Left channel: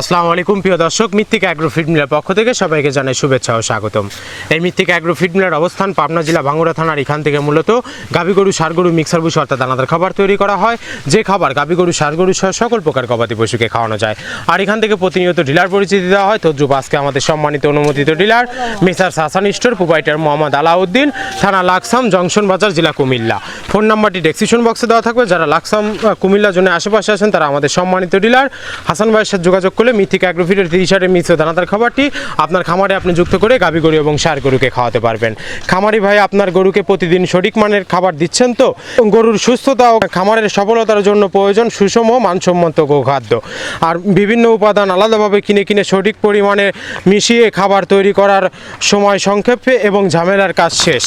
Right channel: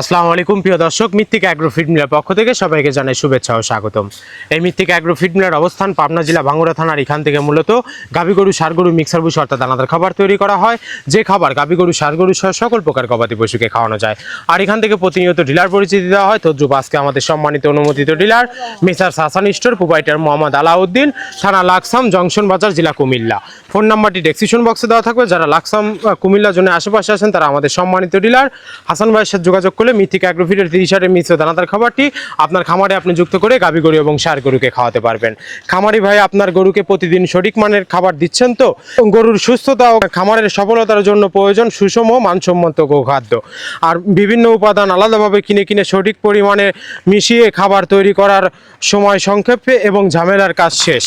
আসসালামু আলাইকুম প্রিয় দর্শক, মৃত্তিক অ্যাগ্রো ফিড মিলের পক্ষ থেকে সবাইকে জানাই শুভেচ্ছা ও স্বাগতম। এই মৃত্তিক অ্যাগ্রো ফিড মিলের অবস্থান পাবনা জেলা ভাঙ্গুড়া থানার। এখান থেকে মূলত গাভী গরু, ষাঁড় গরু, মিক্সার বুশ অর্থাৎ দানাদার খাবার তৈরি করা হয়। যে খাবার গাভী গরু, ষাঁড় গরু সহ সকল প্রকার গবাদি পশুকে খাওয়ানো যায়। আর এখান থেকে প্রতিনিয়ত ডিলার পরিচিতি দেওয়া হয়। তদ্রুপ আজকে আমাদের সম্মানিত অনুমোদিত dealer messrs Hasan store, proprietor Mohammad Alauddin, থানা লাকসাম, জংশন বাজার, জেলা কুমিল্লা। ফোন নাম্বারটি ডেসক্রিপশন বক্সে দেওয়া থাকবে। যারা লাকসাম কুমিল্লা জন্য আশেপাশে আছেন তারা আমাদের সম্মানিত ডিলার হাসান ভাইয়ের সাথে যোগাযোগ করলে মৃত্তিক অ্যাগ্রো ফিডের 30 মিশ্র দানাদার খাবারটি আপনার খামারে আপনি যুক্ত করে গাভী গরু এবং ষাঁড় গরুকে খাওয়াতে পারবেন। খামারি ভাই আপনার গরুকে প্রতিদিন সঠিক মানের খাবার দিচ্ছেন তো? গরুর সুস্থতা ও খামারের সফলতার জন্য প্রয়োজন সুষম মানসম্মত গোখাদ্য। আর বিভিন্ন উপাদান আলাদাভাবে কিনে সঠিক পরিমাণে মিশিয়ে খাবার তৈরি করার সময় সংক্ষেপে এবং ঝামেলার কাজ শেষ।